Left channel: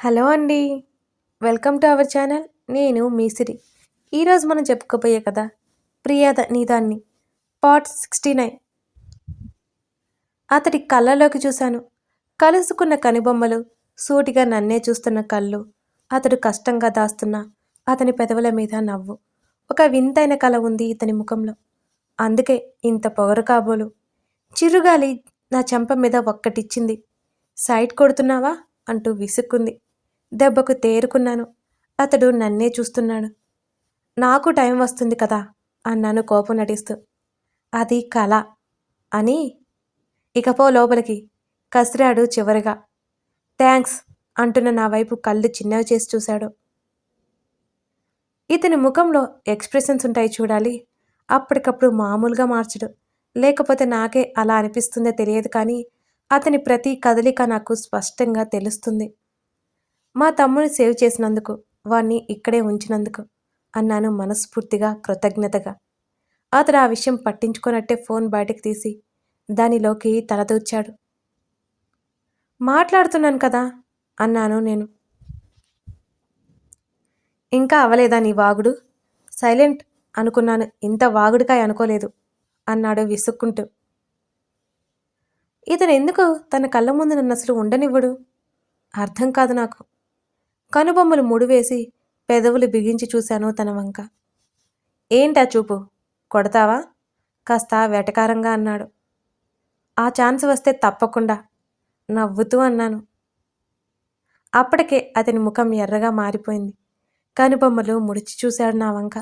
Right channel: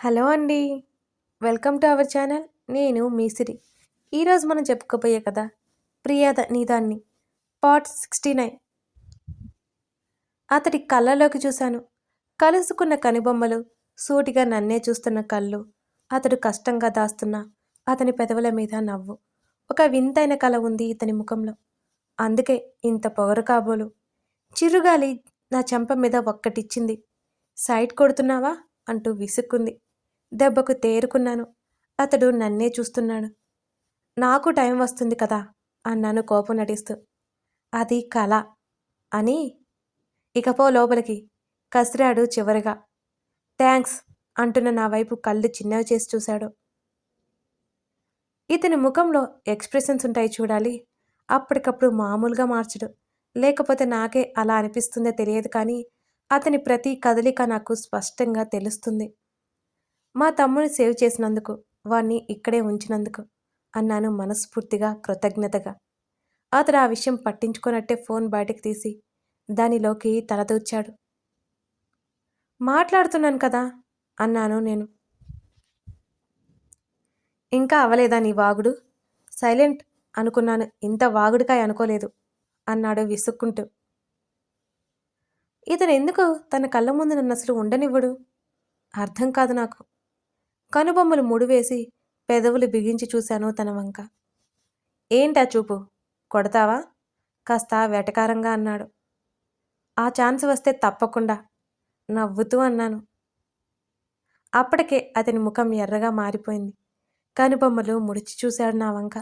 Hello అండి. Welcome to our channel. నేను మీ సిరి. ఈరోజు మనం చెప్పుకోబోయే కథ 'ప్రియద నీదాన్ని' పార్ట్ 69. అతడి కళ్ళలోకి చూశాను. కలుసుకున్న కనుబొమ్మలు, సూటిగా నన్నే చూస్తున్న కళ్ళు, అతడు కష్టంగా దాస్తున్న అతని పెదవుల మీద నవ్వు. ఒక వింతైన కల ఉంది ఇతని ముఖంలో. అందుకే ఇంత పొగరు కాబోలు. చిరుగాలి నా చెంప మీద ఒక్కటిచ్చింది. సైట్ కొడుతున్నావా అంటూ విసుక్కుంది. దెబ్బకు తేరుకున్నాను. అతడు నన్నే చూస్తున్నాడు. నాకు టైం వస్తుంది కదా అన్నాను కోపం నటిస్తూ. అది కల అని ఇకపో లోపలికి కసిరాడు చివరిగా. థ్యాంక్స్ అంటున్న నా వైపు కళ్ళు చిన్నవి చేసి చూశాడు. ఇతని ముఖంలో ఎక్స్ప్రెషన్స్ ఉంటాయి చూడాలి. అప్పటికప్పుడు మామూలుగా మార్చడు. లేకపోతే నాకే అలా అనిపిస్తుందో తెలియదు కానీ అతని ప్రతి కదలిక నాకు స్పష్టంగా తెలుస్తుంది. మా తమ్ముని సేవ్ చేసినందుకు, వాణ్ణి ఇక్కడే ఉంచినందుకు అన్నాను మనస్ఫూర్తిగా కృతజ్ఞతగా. అతడు ఆ విషయం పట్టించుకోనట్టే ఫోన్ బయటకు తీసి దానిలోకి తలదూర్చాడు. మాట్లాడుతున్నాను కదా అన్నాను నేను. ఇంకా అవలేదా నీ వాగుడు? సైలెంట్ అనుకున్నాను, ఇంత వాగుడికాయ అనుకోలేదు అన్నాడు విసుక్కుంటూ. ఇతను ఎందుకు తన కళ్ళ ముందు నన్ను అసలు ఉండనివ్వడు? అర్థం కాదు నాకు. కనుబొమ్మలు ముడివేసి పెదవులు బిగించి చూశాను తన వంక. ఏంటా చూపు? కొడతావా? కాస్త వెటకారంగా అన్నాడు. ఆ ఛాన్స్ వస్తే తప్పకుండా నవ్వుతూ అన్నాను. అప్పటికే అతని ముఖం ఎర్రగా మారిపోయింది. కనుబొమ్మలు ముడిచి చూశాడు నా వంక.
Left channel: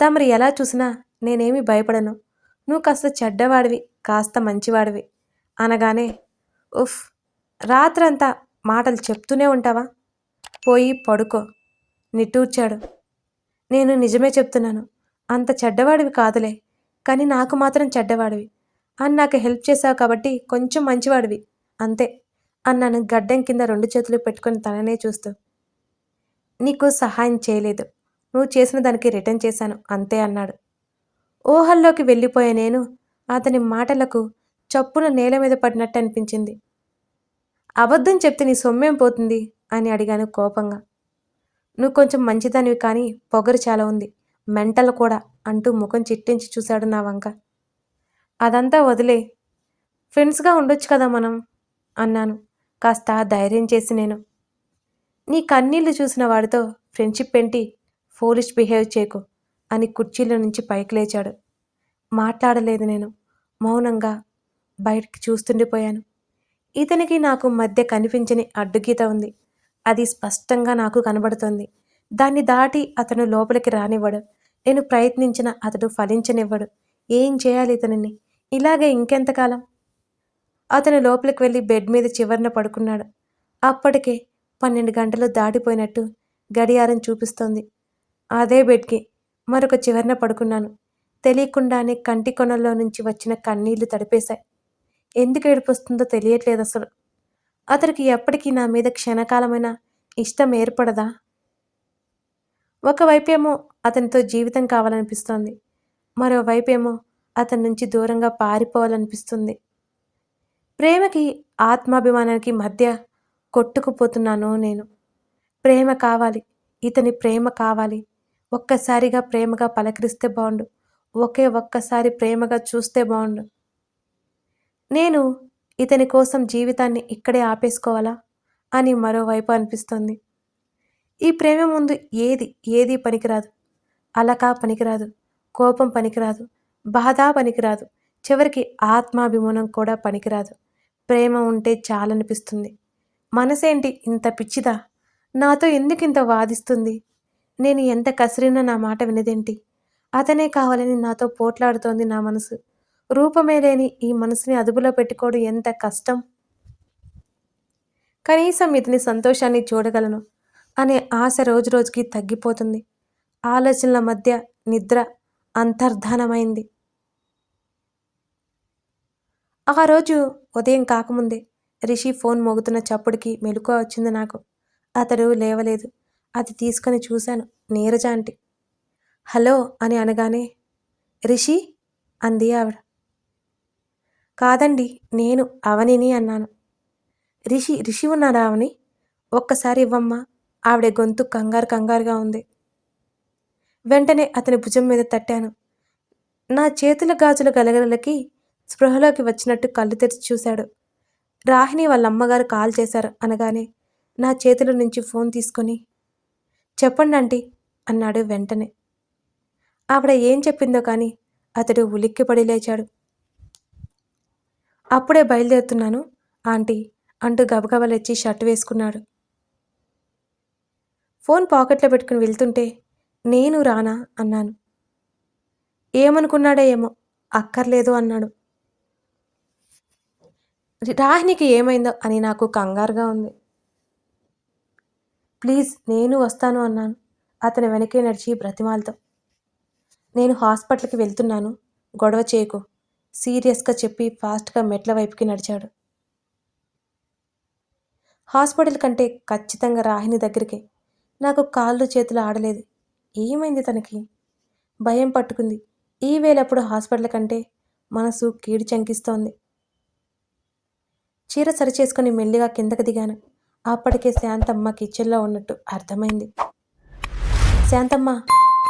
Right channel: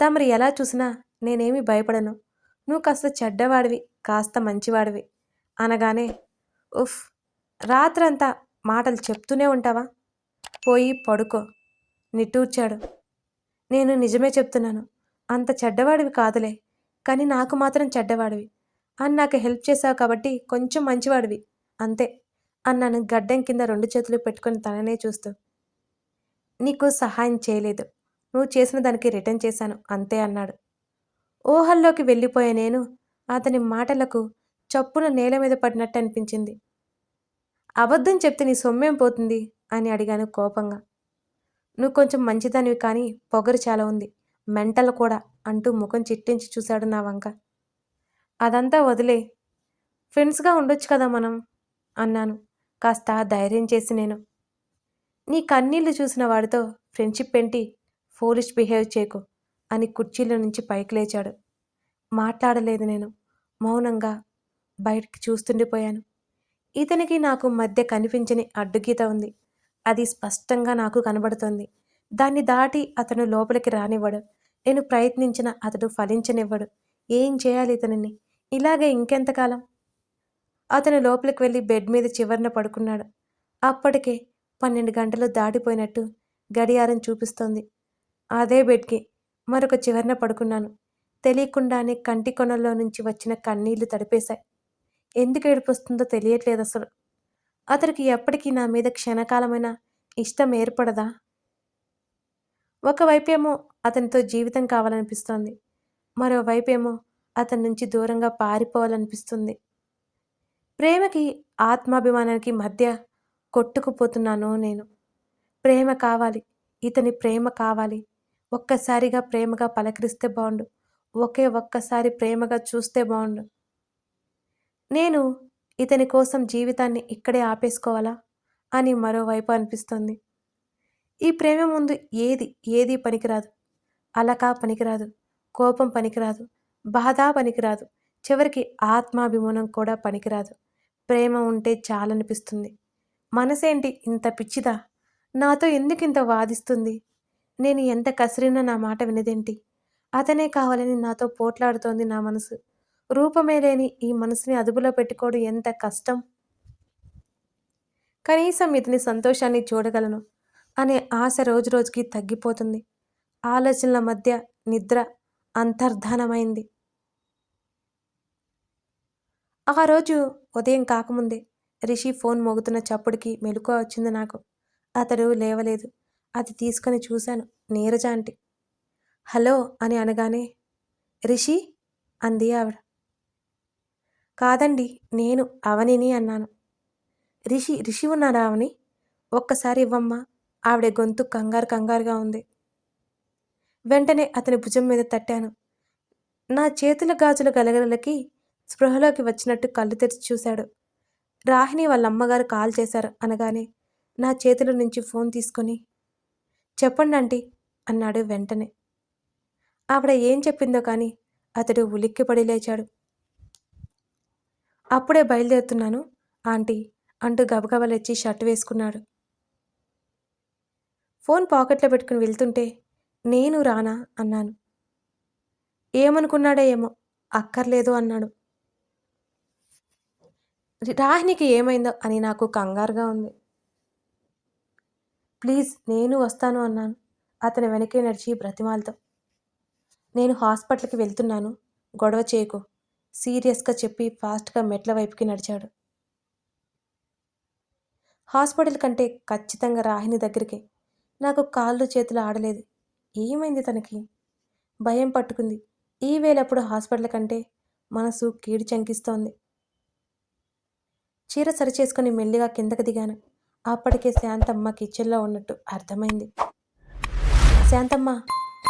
తమరు ఎలా చూసినా నేనేమి భయపడను. నువ్వు కాస్త చెడ్డవాడివి, కాస్త మంచివాడివి అనగానే ఉఫ్, రాత్రంతా మాటలు చెప్తూనే ఉంటావా? పోయి పడుకో నిట్టూర్చాడు. నేను నిజమే చెప్తున్నాను. అంత చెడ్డవాడివి కాదులే, కానీ నాకు మాత్రం చెడ్డవాడివి. అని నాకు హెల్ప్ చేశావు కాబట్టి కొంచెం మంచివాడివి అంతే అన్నాను గడ్డం కింద 2 చేతులు పెట్టుకుని తననే చూస్తూ. నీకు సహాయం చేయలేదు, నువ్వు చేసిన దానికి రిటర్న్ చేశాను అంతే అన్నాడు. ఊహల్లోకి వెళ్ళిపోయే నేను అతని మాటలకు చప్పున నేల మీద పడినట్టు అనిపించింది. అబద్ధం చెప్తే నీ సొమ్మేం పోతుంది అని అడిగాను కోపంగా. నువ్వు కొంచెం మంచిదానివి కానీ పొగరు చాలా ఉంది, మెంటల్ కూడా అంటూ ముఖం చిట్లించి చూశాడు నా వంక. అదంతా వదిలే, ఫ్రెండ్స్గా ఉండొచ్చు కదా మనం అన్నాను కాస్త ధైర్యం చేసి నేను. నీ కన్నీళ్లు చూసిన వాడితో ఫ్రెండ్షిప్ ఏంటి, ఫోలిష్ బిహేవ్ చేయకు అని కుర్చీలో నుంచి పైకి లేచాడు. మాట్లాడలేదు నేను. మౌనంగా బయటికి చూస్తుండిపోయాను. ఇతనికి నాకు మధ్య కనిపించని అడ్డుగీత ఉంది. అది స్పష్టంగా నాకు కనబడుతోంది. దాన్ని దాటి అతను లోపలికి రానివ్వడు. నేను ప్రయత్నించిన అతడు ఫలించనివ్వడు. ఏం చేయాలి ఇతనిని? ఇలాగే ఇంకెంతకాలం? అతను లోపలికి వెళ్ళి బెడ్ మీద చివరన పడుకున్నాడు. అప్పటికే 12 గంటలు దాటిపోయినట్టు గడియారం చూపిస్తోంది. అదే బెడ్కి మరొక చివరన పడుకున్నాను. తెలియకుండానే కంటి కొనల్లో నుంచి వచ్చిన కన్నీళ్లు తడిపేశాయి. ఎందుకు ఏడుపొస్తుందో తెలియట్లేదు అసలు. అతనికి ఎప్పటికీ నా మీద క్షణకాలమైన ఇష్టం ఏర్పడదా? ఒకవైపేమో అతనితో జీవితం కావాలనిపిస్తోంది. మరోవైపేమో అతని నుంచి దూరంగా పారిపోవాలనిపిస్తుంది. ప్రేమకి ఆత్మాభిమానానికి మధ్య కొట్టుకుపోతున్నాను నేను. ప్రేమ కావాలి, ఇతని ప్రేమ కావాలి. ఒక్కసారిగా ప్రేమగా పలకరిస్తే బాగుండు. ఒక్కసారి ప్రేమగా చూస్తే బాగుండు. నేను ఇతని కోసం జీవితాన్ని ఇక్కడే ఆపేసుకోవాలా అని మరోవైపు అనిపిస్తుంది. ఈ ప్రేమ ముందు ఏది పనికిరాదు. అలక పనికిరాదు, కోపం పనికిరాదు, బాధ పనికిరాదు, చివరికి ఆత్మాభిమానం కూడా పనికిరాదు. ప్రేమ ఉంటే చాలనిపిస్తుంది. మనసేంటి ఇంత పిచ్చిదా? నాతో ఎందుకింత వాదిస్తుంది? నేను ఎంత కసిరినా నా మాట వినదేంటి? అతనే కావాలని నాతో పోట్లాడుతోంది నా మనసు. రూపమే లేని ఈ మనసుని అదుపులో పెట్టుకోవడం ఎంత కష్టం. కనీసం ఇతని సంతోషాన్ని చూడగలను అనే ఆశ రోజురోజుకి తగ్గిపోతుంది. ఆలోచనల మధ్య నిద్ర అంతర్ధానమైంది. ఆ రోజు ఉదయం కాకముందే రిషి ఫోన్ మోగుతున్న చప్పుడుకి మెలకువ వచ్చింది నాకు. అతడు లేవలేదు. అది తీసుకొని చూశాను. నీరజ ఆంటీ. హలో అని అనగానే రిషి అంది ఆవిడ. కాదండి, నేను అవనిని అన్నాను. రిషి ఉన్నాడా అవని? ఒక్కసారి ఇవ్వమ్మా. ఆవిడ గొంతు కంగారుగా ఉంది. వెంటనే అతని భుజం మీద తట్టాను. నా చేతుల గాజుల గలగలలకి స్పృహలోకి వచ్చినట్టు కళ్ళు తెరిచి చూశాడు. రాహిణి వాళ్ళమ్మగారు కాల్ చేశారు అనగానే నా చేతుల నుంచి ఫోన్ తీసుకొని చెప్పండి ఆంటీ అన్నాడు వెంటనే. ఆవిడ ఏం చెప్పిందో కానీ అతడు ఉలిక్కిపడి లేచాడు. అప్పుడే బయలుదేరుతున్నాను ఆంటీ అంటూ గబగబా లేచి షర్ట్ వేసుకున్నాడు. ఫోన్ పాకెట్లో పెట్టుకుని వెళ్తుంటే నేను రానా అన్నాను. ఏమనుకున్నాడో ఏమో అక్కర్లేదు అన్నాడు. రాహినికి ఏమైందో అని నాకు కంగారుగా ఉంది. ప్లీజ్ నేను వస్తాను అన్నాను అతని వెనకే నడిచి బ్రతిమాలతో. నేను హాస్పిటల్కి వెళ్తున్నాను, గొడవ చేయకు సీరియస్గా చెప్పి ఫాస్ట్గా మెట్ల వైపుకి నడిచాడు. హాస్పిటల్ కంటే ఖచ్చితంగా రాహిని దగ్గరికి. నాకు కాళ్ళు చేతులు ఆడలేదు. ఏమైంది తనకి? భయం పట్టుకుంది. ఈ వేళప్పుడు హాస్పిటల్ కంటే మనసు కీడు చంకిస్తోంది. చీర సరిచేసుకుని మెల్లిగా కిందకి దిగాను. అప్పటికే శాంతమ్మ కిచెన్లో ఉన్నట్టు అర్థమైంది. శాంతమ్మ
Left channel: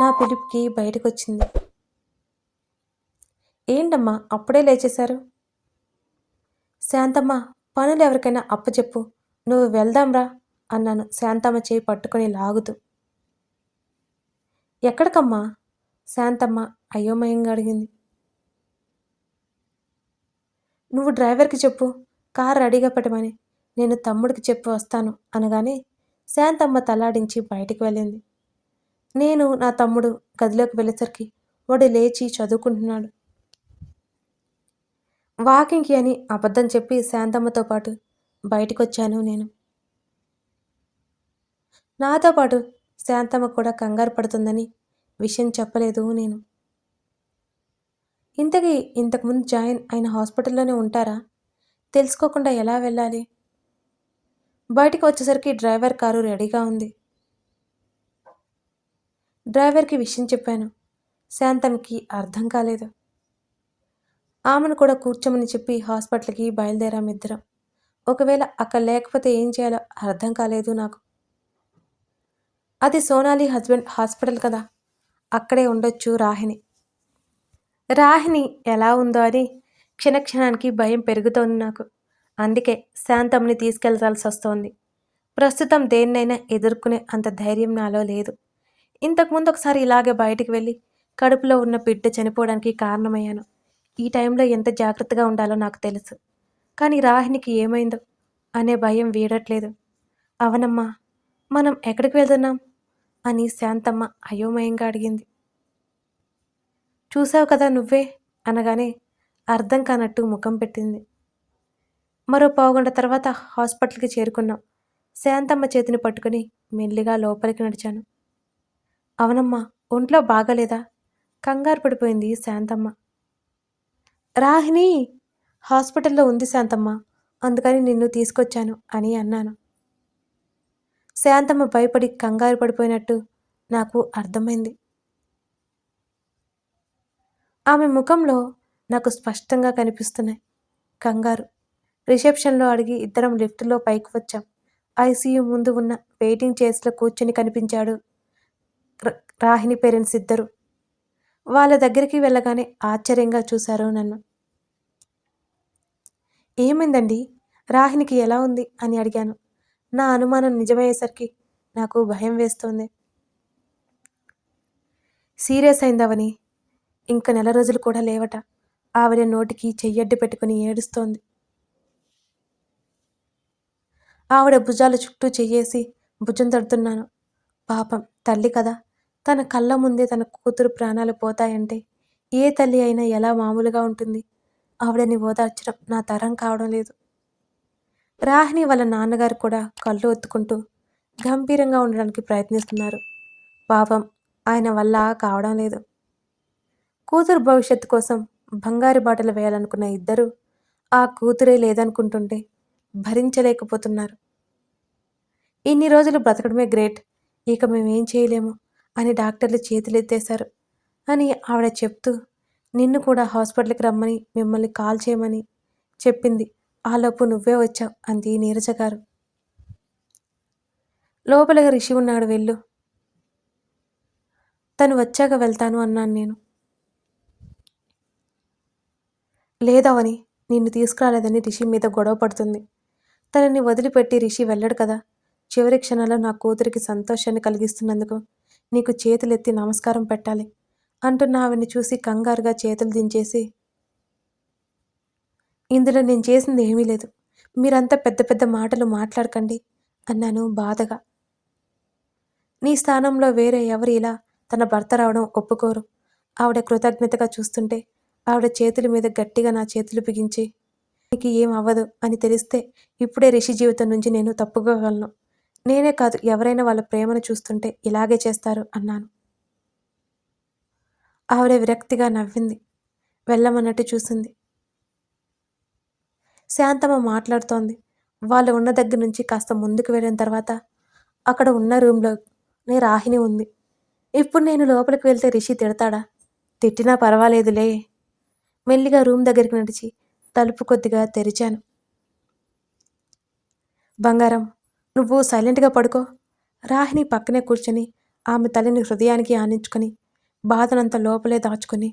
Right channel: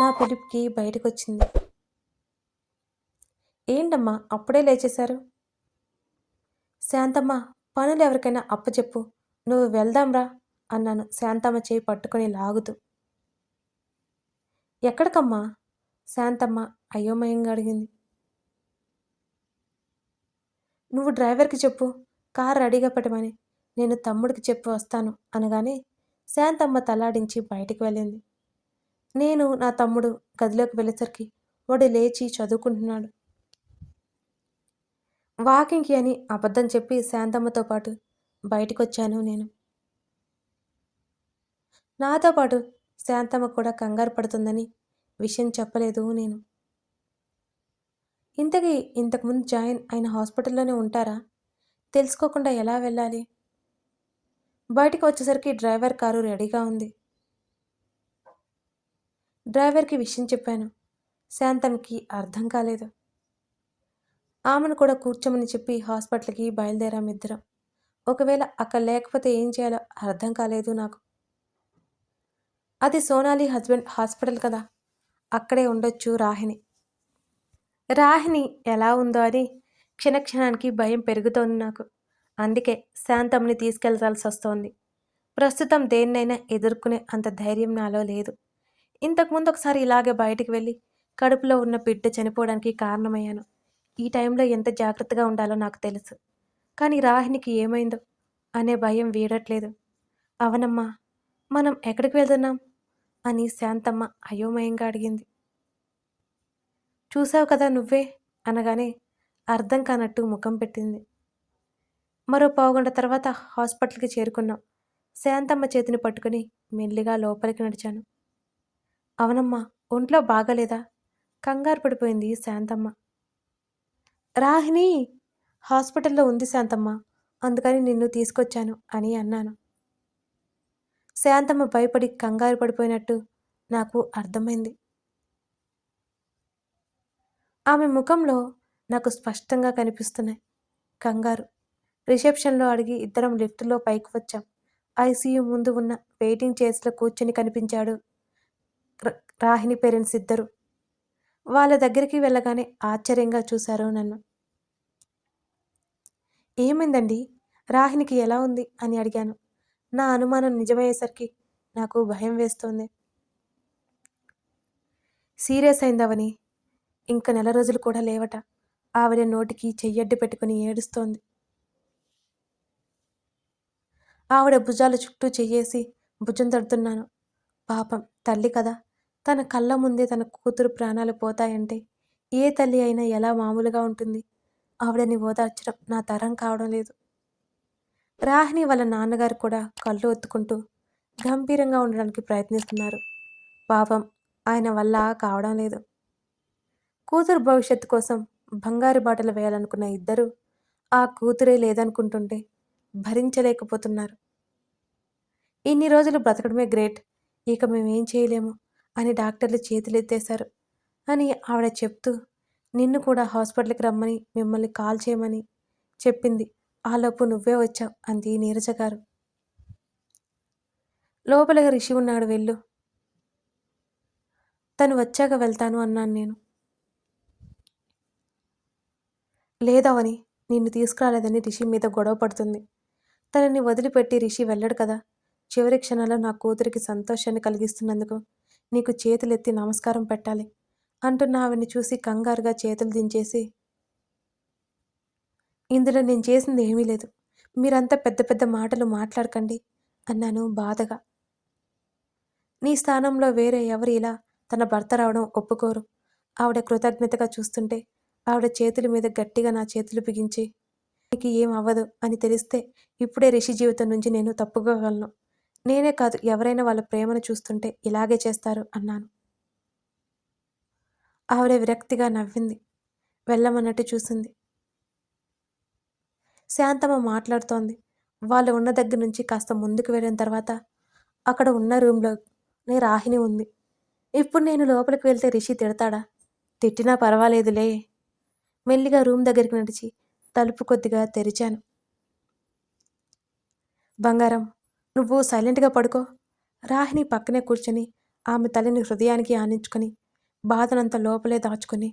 నా పిలుపుకి బయటకొచ్చింది. ఏంటమ్మా అప్పుడే లేచేశారు? శాంతమ్మ పనులు ఎవరికైనా అప్పచెప్పు, నువ్వు వెళ్దాంరా అన్నాను శాంతమ్మ చేయి పట్టుకొని లాగుతూ. ఎక్కడికమ్మా? శాంతమ్మ అయోమయంగా అడిగింది. నువ్వు డ్రైవర్కి చెప్పు కారు రెడీగా పెట్టమని, నేను తమ్ముడికి చెప్పి వస్తాను అనగానే శాంతమ్మ తలాడించి బయటికి వెళ్ళింది. నేను నా తమ్ముడు గదిలోకి వెళ్ళేసరికి వాడు లేచి చదువుకుంటున్నాడు. వాకింగ్కి అని అబద్ధం చెప్పి శాంతమ్మతో పాటు బయటకొచ్చాను నేను. నాతో పాటు శాంతమ్మ కూడా కంగారు పడుతుందని విషయం చెప్పలేదు నేను. ఇంతకీ ఇంతకుముందు జాయిన్ అయిన హాస్పిటల్లోనే ఉంటారా? తెలుసుకోకుండా ఎలా వెళ్ళాలి? బయటికి వచ్చేసరికి డ్రైవర్ కారు రెడీగా ఉంది. డ్రైవర్కి విషయం చెప్పాను. శాంతమ్మకి అర్థం కాలేదు. ఆమెను కూడా కూర్చోమని చెప్పి హాస్పిటల్కి బయలుదేరాం ఇద్దరం. ఒకవేళ అక్కడ లేకపోతే ఏం చేయాలో అర్థం కాలేదు నాకు. అది సోనాలి హస్బెండ్ హాస్పిటల్ కదా, అక్కడే ఉండొచ్చు రాహిణి. రాహిణి ఎలా ఉందో అని క్షణక్షణానికి భయం పెరుగుతోంది నాకు. అందుకే శాంతమ్మని తీసుకెళ్లాల్సి వస్తోంది. ప్రస్తుతం దేన్నైనా ఎదుర్కొనే అంత ధైర్యం నాలో లేదు. ఇంతకుముందు ఒకసారి ఇలాగే బయటికి వెళ్ళి కడుపులో ఉన్న బిడ్డ చనిపోవడానికి కారణమయ్యాను. ఈ టైంలో ఎంత జాగ్రత్తగా ఉండాలో నాకు తెలుసు. కానీ రాహినికి ఏమైందో అనే భయం వీడట్లేదు. అవనమ్మా, మనం ఎక్కడికి వెళ్తున్నాం అని శాంతమ్మ అయోమయంగా అడిగింది. చూసావు కదా నువ్వే అనగానే అర్థం కానట్టు ముఖం పెట్టింది. మరో పావుగంట తర్వాత హాస్పిటల్కి చేరుకున్నాం. శాంతమ్మ చేతిని పట్టుకుని మెల్లిగా లోపలికి నడిచాను. అవనమ్మా, ఒంట్లో బాగాలేదా? కంగారు పడిపోయింది శాంతమ్మ. రాహిణి హాస్పిటల్లో ఉంది శాంతమ్మ, అందుకని నిన్ను తీసుకొచ్చాను అని అన్నాను. శాంతమ్మ భయపడి కంగారు పడిపోయినట్టు నాకు అర్థమైంది. ఆమె ముఖంలో నాకు స్పష్టంగా కనిపిస్తున్నాయి కంగారు. రిసెప్షన్లో అడిగి ఇద్దరం లిఫ్ట్లో పైకి వచ్చాం. ఐసీయూ ముందు ఉన్న వెయిటింగ్ చైర్స్లో కూర్చొని కనిపించాడు రాహిణి పేరెంట్స్ ఇద్దరు. వాళ్ళ దగ్గరికి వెళ్ళగానే ఆశ్చర్యంగా చూశారు నన్ను. ఏమైందండి, రాహిణికి ఎలా ఉంది అని అడిగాను. నా అనుమానం నిజమయ్యేసరికి నాకు భయం వేస్తోంది. సీరియస్ అయిందవని, ఇంక నెల రోజులు కూడా లేవట. ఆవిడ నోటికి చెయ్యడ్డు పెట్టుకుని ఏడుస్తోంది. ఆవిడ భుజాల చుట్టూ చెయ్యేసి భుజం తడుతున్నాను. పాపం తల్లి కదా, తన కళ్ళ ముందే తన కూతురు ప్రాణాలు పోతాయంటే ఏ తల్లి అయినా ఎలా మామూలుగా ఉంటుంది? ఆవిడని ఓదార్చడం నా తరం కావడం లేదు. రాహిణి వాళ్ళ నాన్నగారు కూడా కళ్ళు ఒత్తుకుంటూ గంభీరంగా ఉండడానికి ప్రయత్నిస్తున్నారు. పాపం ఆయన వల్ల కావడం లేదు. కూతురు భవిష్యత్తు కోసం బంగారు బాటలు వేయాలనుకున్న ఇద్దరు ఆ కూతురే లేదనుకుంటుంటే భరించలేకపోతున్నారు. ఇన్ని రోజులు బ్రతకడమే గ్రేట్, ఇక మేమేం చేయలేము అని డాక్టర్లు చేతులెత్తేశారు అని ఆవిడ చెప్తూ నిన్ను కూడా హాస్పిటల్కి రమ్మని మిమ్మల్ని కాల్ చేయమని చెప్పింది ఆలోపు నువ్వే వచ్చావు అంది నీరజ గారు. లోపలగా రిషి ఉన్నాడు వెళ్ళు. తను వచ్చాక వెళ్తాను అన్నాను నేను. లేదవని, నిన్ను తీసుకురాలేదని రిషి మీద గొడవ పడుతుంది. తనని వదిలిపెట్టి రిషి వెళ్ళడు కదా. చివరి క్షణంలో నా కూతురికి సంతోషాన్ని కలిగిస్తున్నందుకు నీకు చేతులెత్తి నమస్కారం పెట్టాలి అంటున్న ఆవిడ్ని చూసి కంగారుగా చేతులు దించేసి, ఇందులో నేను చేసింది ఏమీ లేదు. మీరంతా పెద్ద పెద్ద మాటలు మాట్లాడకండి అన్నాను బాధగా. నీ స్థానంలో వేరే ఎవరు ఇలా తన భర్త రావడం ఒప్పుకోరు. ఆవిడ కృతజ్ఞతగా చూస్తుంటే ఆవిడ చేతుల మీద గట్టిగా నా చేతులు బిగించి, నీకు ఏం అవ్వదు అని తెలిస్తే ఇప్పుడే రిషి జీవితం నుంచి నేను తప్పుకోగలను. నేనే కాదు, ఎవరైనా వాళ్ళ ప్రేమను చూస్తుంటే ఇలాగే చేస్తారు అన్నాను. ఆవిడ విరక్తిగా నవ్వింది. వెళ్ళమన్నట్టు చూసింది. శాంతమ్మ మాట్లాడుతోంది. వాళ్ళు ఉన్న దగ్గర నుంచి కాస్త ముందుకు వెళ్ళిన తర్వాత అక్కడ ఉన్న రూమ్లోనే రాహిణి ఉంది. ఇప్పుడు నేను లోపలికి వెళ్తే రిషి తిడతాడా? తిట్టినా పర్వాలేదులే. మెల్లిగా రూమ్ దగ్గరికి నడిచి తలుపు కొద్దిగా తెరిచాను. బంగారం, నువ్వు సైలెంట్గా పడుకో. రాహిణి పక్కనే కూర్చొని ఆమె తలని హృదయానికి ఆనించుకొని బాధనంతా లోపలే దాచుకొని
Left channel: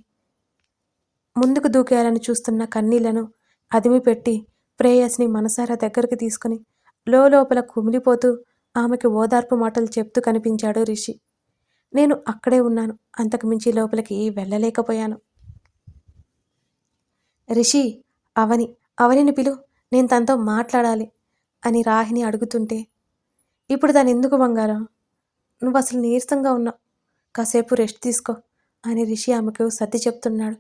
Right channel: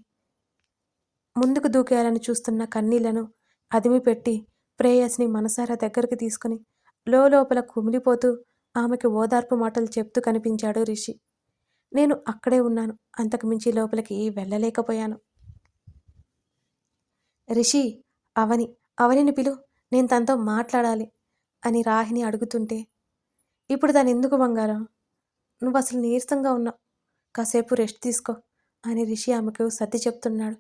ముందుకు దూకేయాలని చూస్తున్న కన్నీళ్లను అదిమిపెట్టి ప్రేయస్ని మనసారా దగ్గరికి తీసుకుని లోపల కుమిలిపోతూ ఆమెకి ఓదార్పు మాటలు చెప్తూ కనిపించాడు రిషి. నేను అక్కడే ఉన్నాను. అంతకు మించి లోపలికి వెళ్ళలేకపోయాను. రిషి, అవనిని పిలు, నేను తనతో మాట్లాడాలి అని రాహిణి అడుగుతుంటే, ఇప్పుడు తను ఎందుకు బంగారం? నువ్వు అసలు నీరసంగా ఉన్నావు, కాసేపు రెస్ట్ తీసుకో అని రిషి ఆమెకు సర్ది చెప్తున్నాడు.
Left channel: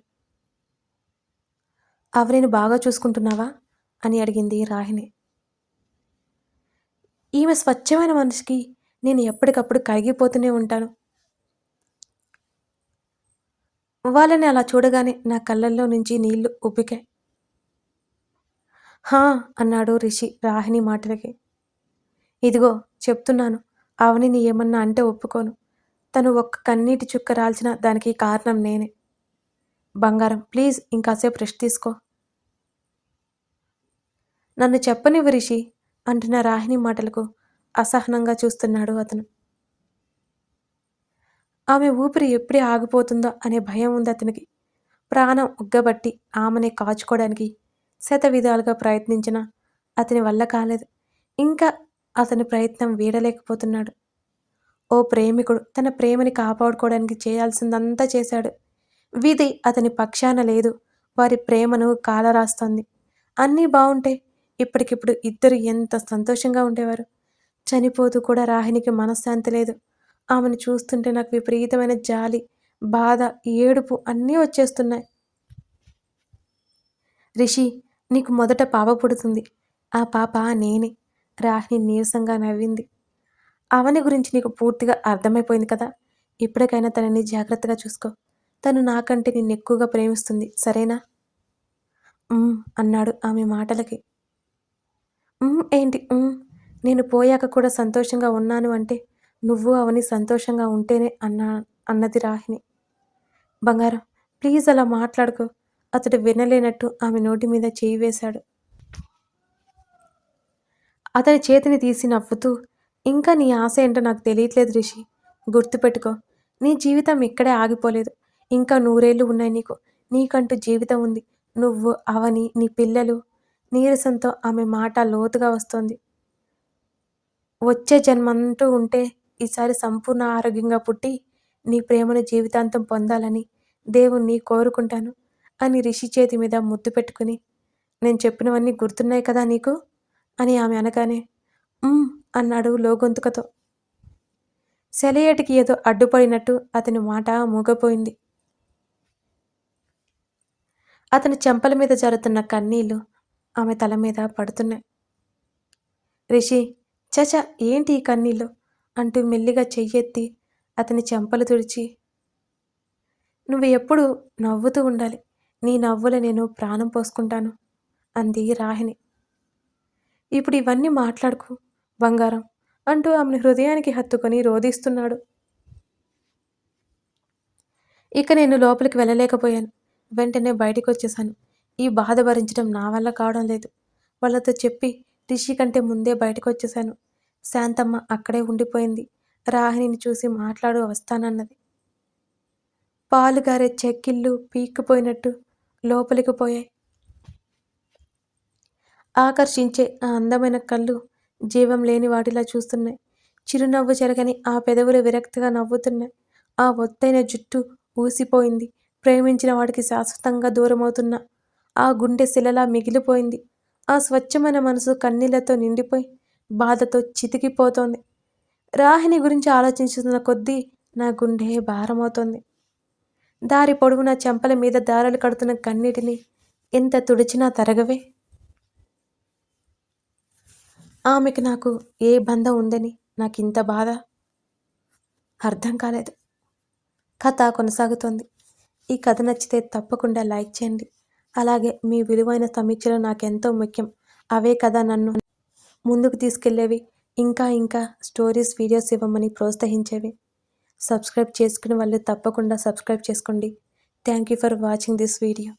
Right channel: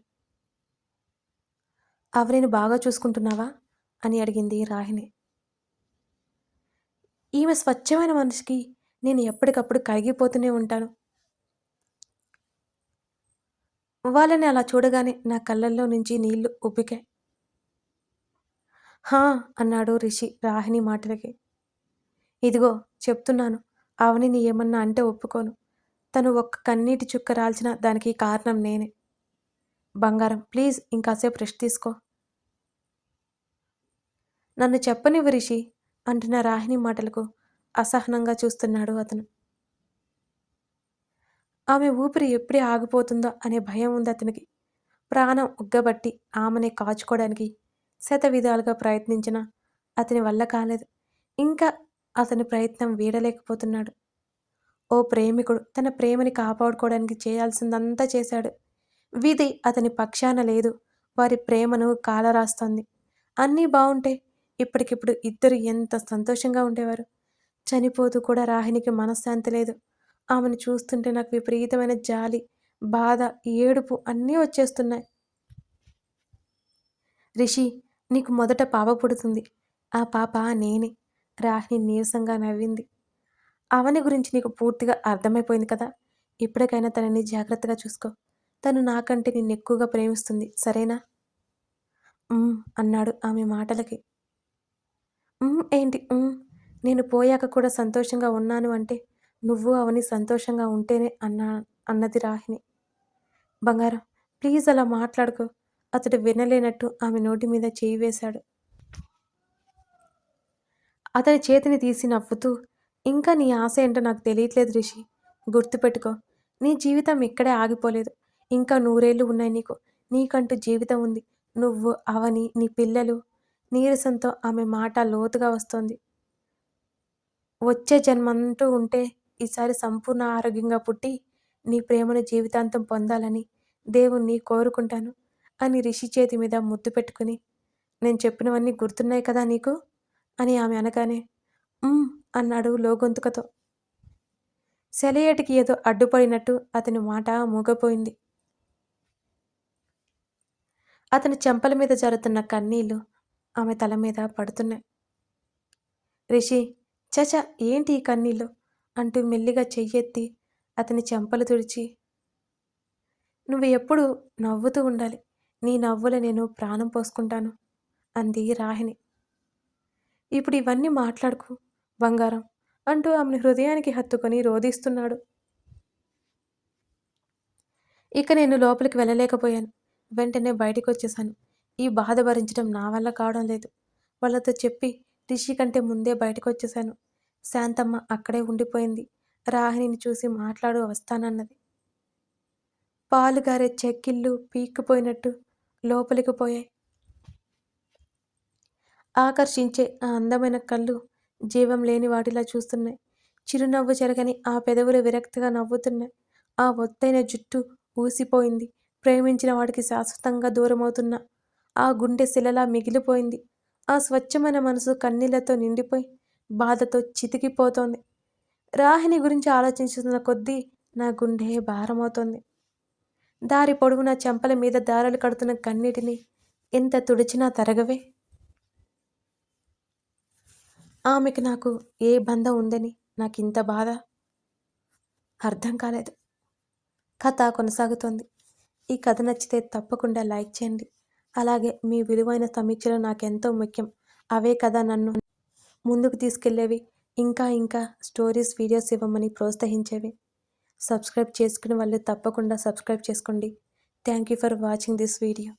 అవనిని బాగా చూసుకుంటున్నావా అని అడిగింది రాహిణి. ఈమె స్వచ్ఛమైన మనిషికి నేను ఎప్పటికప్పుడు కరిగిపోతూనే ఉంటాను. వాళ్ళని అలా చూడగానే నా కళ్ళల్లో నుంచి నీళ్లు ఉబ్బికాయి. హా అన్నాడు రిషి రాహిణి మాటలకి. ఇదిగో చెప్తున్నాను, అవనిని ఏమన్నా అంటే ఒప్పుకోను. తను ఒక్క కన్నీటి చుక్క రాల్చినా దానికి కారణం నేనే. బంగారం, ప్లీజ్ ఇంకాసేపు రెస్ట్ తీసుకో. నన్ను చెప్పనివ్వు రిషి అంటున్న రాహిణి మాటలకు అసహనంగా చూస్తున్నాడు అతను. ఆమె ఊపిరి ఎప్పుడే ఆగిపోతుందో అనే భయం ఉంది అతనికి. ప్రాణం ఉగ్గబట్టి ఆమెనే కాచుకోవడానికి శతవిధాలుగా ప్రయత్నించినా అతని వల్ల కాలేదు. ఇంకా అతని ప్రయత్నం వీడలేకపోతున్నాడు. ఓ ప్రేమికుడు తన ప్రేమని కాపాడుకోవడానికి చేయాల్సిందంతా చేశాడు. విధి అతని పక్షాన లేదు. వారి ప్రేమను కాలరాస్తోంది. అన్నీ బావుంటే ఇప్పటికిప్పుడు ఇద్దరు ఎంత సంతోషంగా ఉండేవారు. చనిపోతూ కూడా రాహిణికి మనశ్శాంతి లేదు. ఆమెను చూస్తుంటే నాకు విపరీతమైన జాలి, బాధ, ఏడుపు అన్నీ వచ్చేస్తున్నాయి. రిషి, నీకు మొదట పాప పుడుతుంది. ఆ పాప నేనే. రాహిణి నీరసంగా నవ్వింది. అవని గురించి నీకు పూర్తిగా అర్థమైపోయింది కదా. ఇప్పటికైనా తనని జాగ్రత్తగా చూసుకో. తను నాకంటే నిన్ను ఎక్కువగా ప్రేమిస్తుంది, సరేనా? అన్నాడు ఆమె మాటలకి. ఏంటి నేను పోయాక కూడా సంతోషంగా ఉన్నాను అంటే నువ్వు అవని సంతోషంగా ఉంటేనే అన్నది రాహిణి. బంగారం, ప్లీజ్ అలా మాట్లాడుకో. అతడు వినలేనట్టు ఆమె నోటి మీద చేయి వేశాడు. అతని చేతిని తీసి నవ్వుతూ, ఇంకా నీ ఆశ ఏంటో నాకు తెలియట్లేదు రిషి. గుర్తుపెట్టుకో, నీ జీవితం ఇక్కడే ఆగిపోలేదు. ఇంకా 100 ఏళ్ళు ఉన్నాయి నీకు. నీకంటూ జీవితం ఉంది. నువ్వు, అవని, నీ పిల్లలు. నీరసంతో ఆమె మాట లోతుగా వస్తోంది. వచ్చే జన్మంటూ ఉంటే ఈసారి సంపూర్ణ ఆరోగ్యంగా పుట్టి నీ ప్రేమను జీవితాంతం పొందాలని దేవుణ్ణి కోరుకుంటాను అని రిషి చేతి మీద ముద్దు పెట్టుకుని, నేను చెప్పినవన్నీ గుర్తున్నాయి కదా నీకు అని ఆమె అనగానే అన్నాడు లోగొంతుకతో. సెలయేటికి ఏదో అడ్డుపడినట్టు అతని మాట మూగపోయింది. అతని చెంపల మీద జరుగుతున్న కన్నీళ్లు ఆమె తల మీద పడుతున్నాయి. రిషి, చచ ఏంటి ఈ కన్నీళ్ళు అంటూ మెల్లిగా చెయ్యెత్తి అతని చెంపలు తుడిచి, నువ్వు ఎప్పుడు నవ్వుతూ ఉండాలి. నీ నవ్వుల నేను ప్రాణం పోసుకుంటాను అంది రాహిణి. ఇప్పుడు ఇవన్నీ మాట్లాడుకు బంగారం అంటూ ఆమెను హృదయానికి హత్తుకొని రోధిస్తున్నాడు. ఇక నేను లోపలికి వెళ్ళలేకపోయాను. వెంటనే బయటికి వచ్చేశాను. ఈ బాధ భరించడం నా వల్ల కావడం లేదు. వాళ్ళతో చెప్పి రిషి కంటే ముందే బయటకు వచ్చేశాను. శాంతమ్మ అక్కడే ఉండిపోయింది. రాహిణిని చూసి మాట్లాడు వస్తానన్నది. పాలుగారే చెక్కిళ్ళు పీక్కుపోయినట్టు లోపలికి పోయాయి. ఆకర్షించే ఆ అందమైన కళ్ళు జీవం లేని వాటిలా చూస్తున్నాయి. చిరునవ్వు చెరగని ఆ పెదవులు విరక్తిగా నవ్వుతున్నాయి. ఆ ఒత్తైన జుట్టు ఊసిపోయింది. ప్రేమించిన వాడికి శాశ్వతంగా దూరమవుతున్న ఆ గుండె శిలలా మిగిలిపోయింది. ఆ స్వచ్ఛమైన మనసు కన్నీళ్లతో నిండిపోయి బాధతో చితికిపోతోంది. రాహిణి గురించి ఆలోచించుతున్న కొద్దీ నా గుండె భారమవుతోంది. దారి పొడవునా చెంపల మీద దారాలు కడుతున్న కన్నీటిని ఎంత తుడిచినా తరగవే. ఆమెకి నాకు ఏ బంధం ఉందని నాకింత బాధ అర్థం కాలేదు. కథ కొనసాగుతోంది. ఈ కథ నచ్చితే తప్పకుండా లైక్ చేయండి. అలాగే మీ విలువైన సమీక్షలు నాకెంతో ముఖ్యం. అవే కదా నన్ను ముందుకు తీసుకెళ్లేవి. ఇంకా ఇంకా స్టోరీస్ వీడియోస్ ఇవ్వమని ప్రోత్సహించేవి. సబ్స్క్రైబ్ చేసుకునే వాళ్ళు తప్పకుండా సబ్స్క్రైబ్ చేసుకోండి. Thank you for watching this video.